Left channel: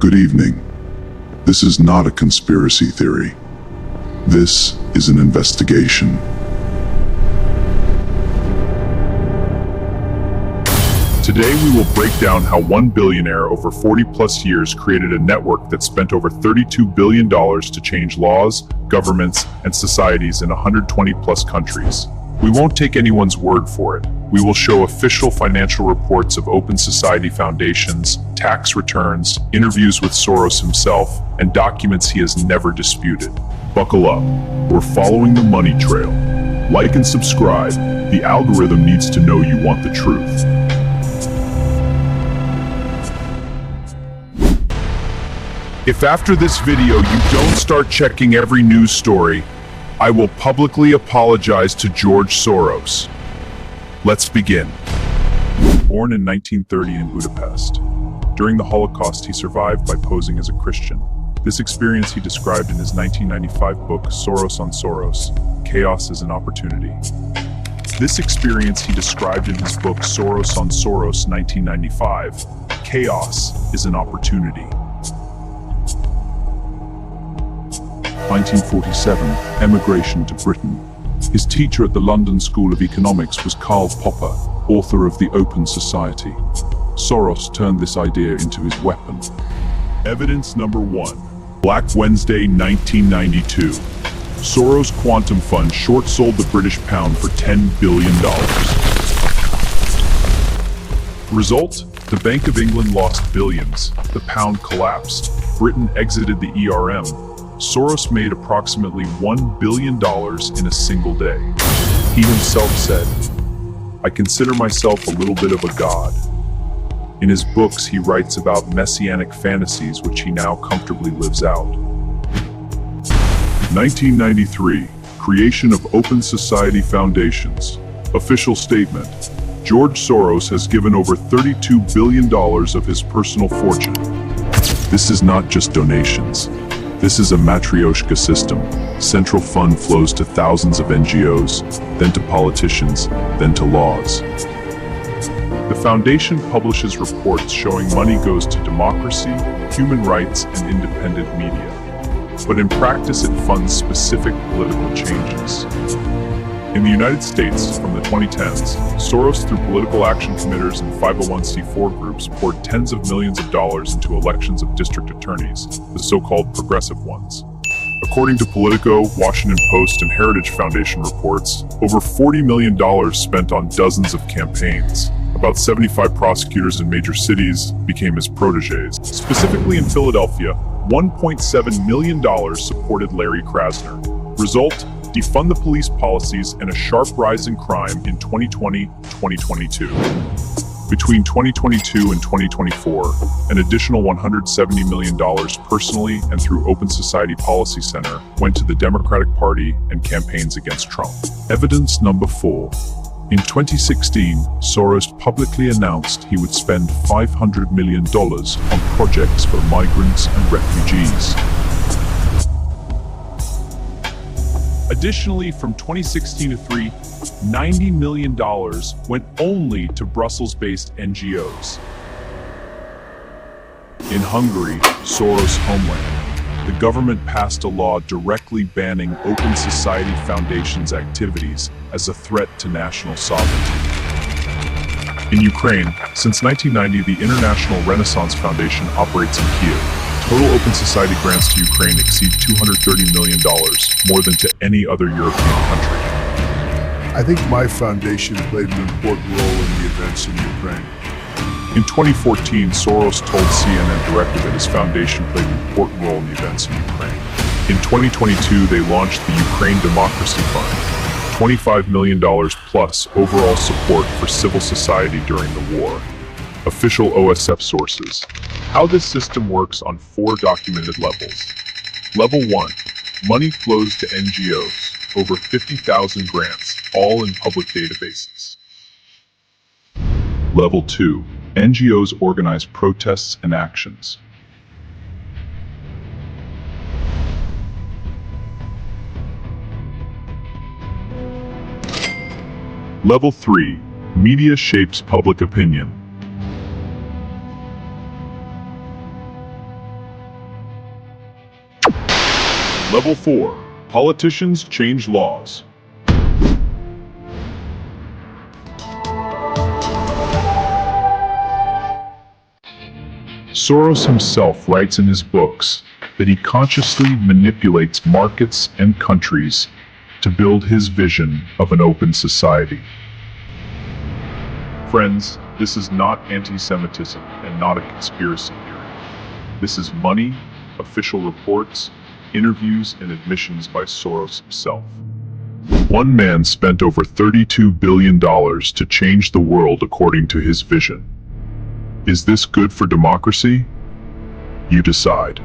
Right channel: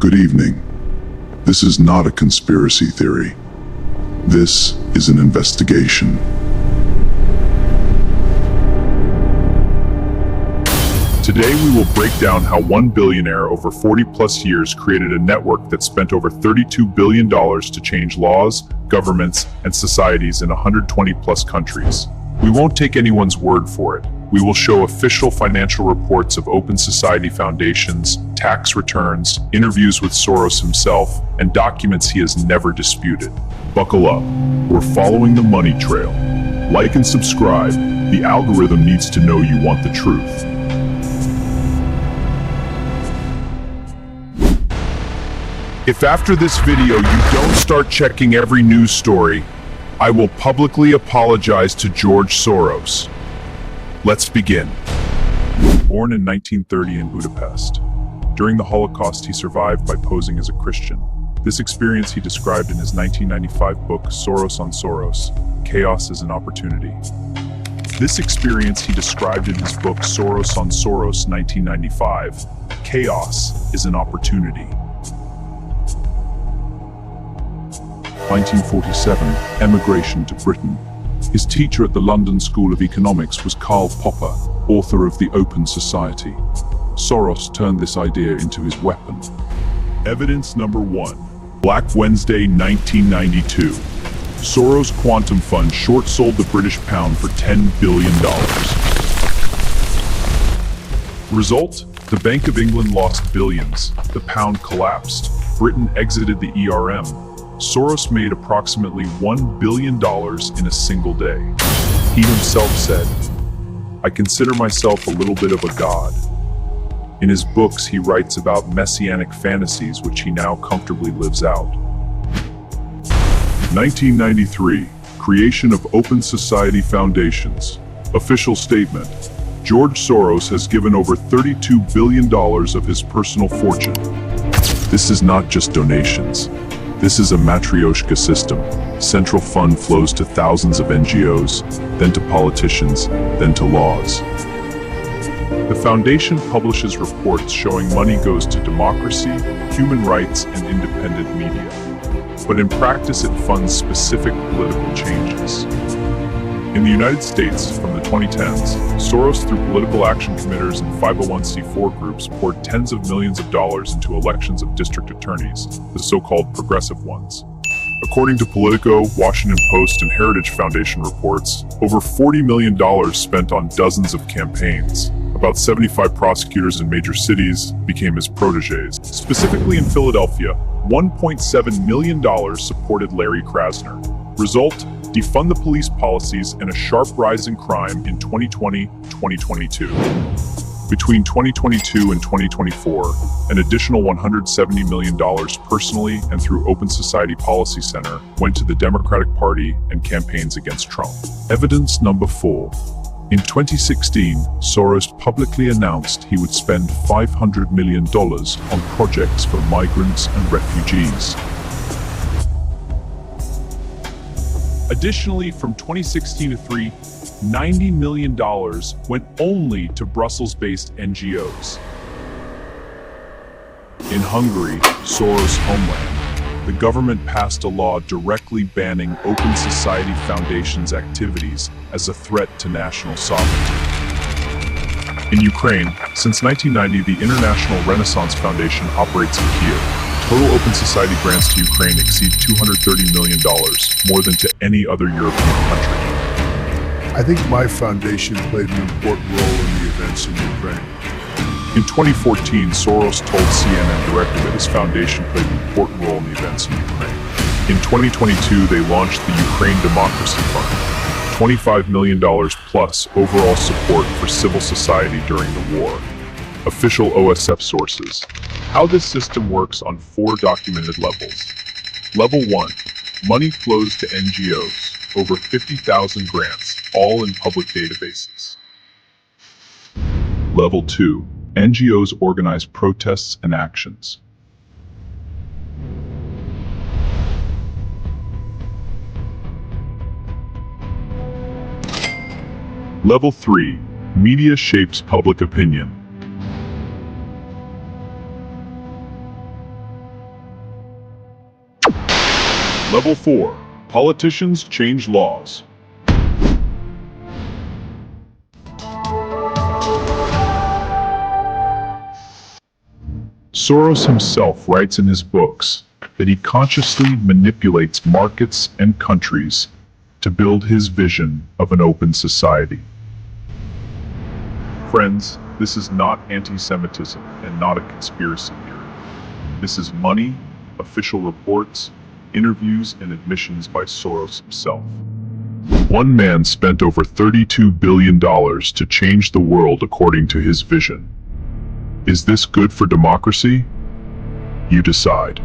Good evening. This is not a conspiracy theory. This is an investigation. Today we will break down how one billionaire over 40 plus years created a network that spent over $32 billion to change laws, governments, and societies in 120 plus countries. We won't take anyone's word for it. We will show official financial reports of open society foundations, tax returns, interviews with Soros himself, and documents he has never disputed. Buckle up. We're following the money trail. Like and subscribe. The algorithm needs to know you want the truth. If after this video you don't start checking every news story, I will publicly apologize to George Soros. Let's begin. Born in 1930 in Budapest. During the Holocaust, he survived by posing as a Christian. This experience he described in his 1995 book, Soros on Soros, Chaos is an Opportunity. This experience he described in his book, Soros on Soros, 1995, Chaos is an Opportunity. 1947, emigration to Britain. His teacher at the London School of Economics was Karl Popper, author of The Open Society. Soros turned this idea into his weapon. Evidence number 1. Black Wednesday, 1992. Soros Quantum Fund short-sold the British pound for $10 billion. Result? The Bank of England lost billions. The pound collapsed. Britain exited the ERM. Soros made approximately $1 billion in a single day. He himself said, "I consider myself a little bit of a god." In his books, he writes about messianic fantasies which he now comfortably lives out. 1993, creation of Open Society Foundations. Official statement. George Soros has given over $32 billion of his personal fortune. This is not just donations. This is a matryoshka system. Central fund flows to thousands of NGOs, then to politicians, then to laws. The foundation publishes reports showing money goes to democracy, human rights, and independent media. But in practice, it funds specific political changes. In the United States, from the 2010s, Soros, through political action committers and 501c4 groups, poured tens of millions of dollars into elections of district attorneys, the so-called progressive ones. According to Politico, Washington Post, and Heritage Foundation reports, over $40 million spent on dozens of campaigns. About 75 prosecutors in major cities became his protégés. Specifically in Philadelphia, $1.7 million supported Larry Krasner. Result? Defund the police policies and a sharp rise in crime in 2020-2022. Between 2022 and 2024, an additional $170 million personally and through Open Society Policy Center went to the Democratic Party and campaigns against Trump. Evidence number 4. In 2016, Soros publicly announced he would spend $500 million on projects for migrants and refugees. Additionally, from 2016 to $90 million went only to Brussels-based NGOs. In Hungary, Soros' homeland, the government passed a law directly banning Open Society Foundation's activities as a threat to national sovereignty. In Ukraine, since 1990, the International Renaissance Foundation operates in Kiev. Total Open Society grants to Ukraine exceed $230 million, more than to any other European country. I think my foundation played an important role in the events in Ukraine. In 2014, Soros told CNN directly that his foundation played an important role in the events in Ukraine. In 2022, they launched the Ukraine Democracy Fund, $25 million plus overall support for civil society during the war. Official OSF sources. How this system works on 4 documented levels. Level 1. Money flows to NGOs. Over 50,000 grants, all in public databases. Level 2. NGOs organize protests and actions. Level 3. Media shapes public opinion. Level 4. Politicians change laws. Soros himself writes in his books that he consciously manipulates markets and countries to build his vision of an open society. Friends, this is not anti-Semitism and not a conspiracy theory. This is money, official reports, interviews, and admissions by Soros himself. One man spent over $32 billion to change the world according to his vision. Is this good for democracy? You decide.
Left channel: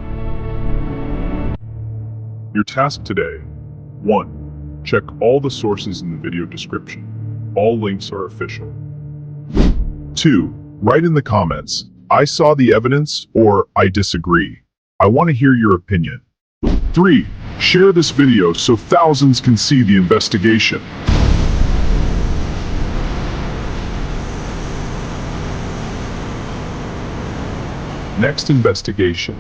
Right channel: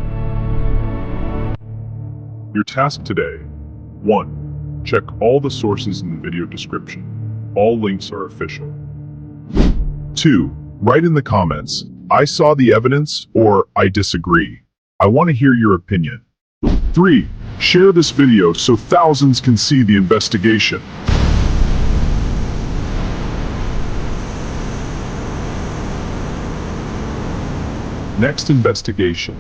Your task today: 1. Check all the sources in the video description. All links are official. 2. Write in the comments, "I saw the evidence," or "I disagree." I want to hear your opinion. 3. Share this video so thousands can see the investigation. Next investigation.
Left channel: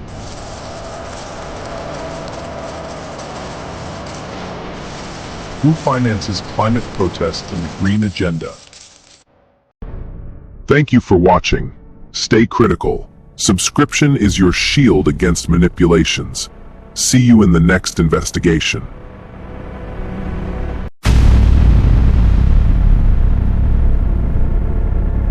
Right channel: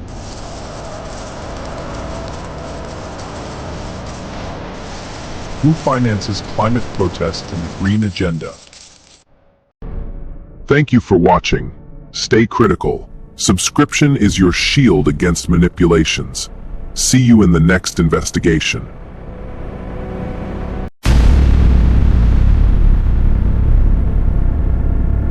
Who finances climate protests and the green agenda? Thank you for watching. Stay critical. Subscription is your shield against manipulations. See you in the next investigation.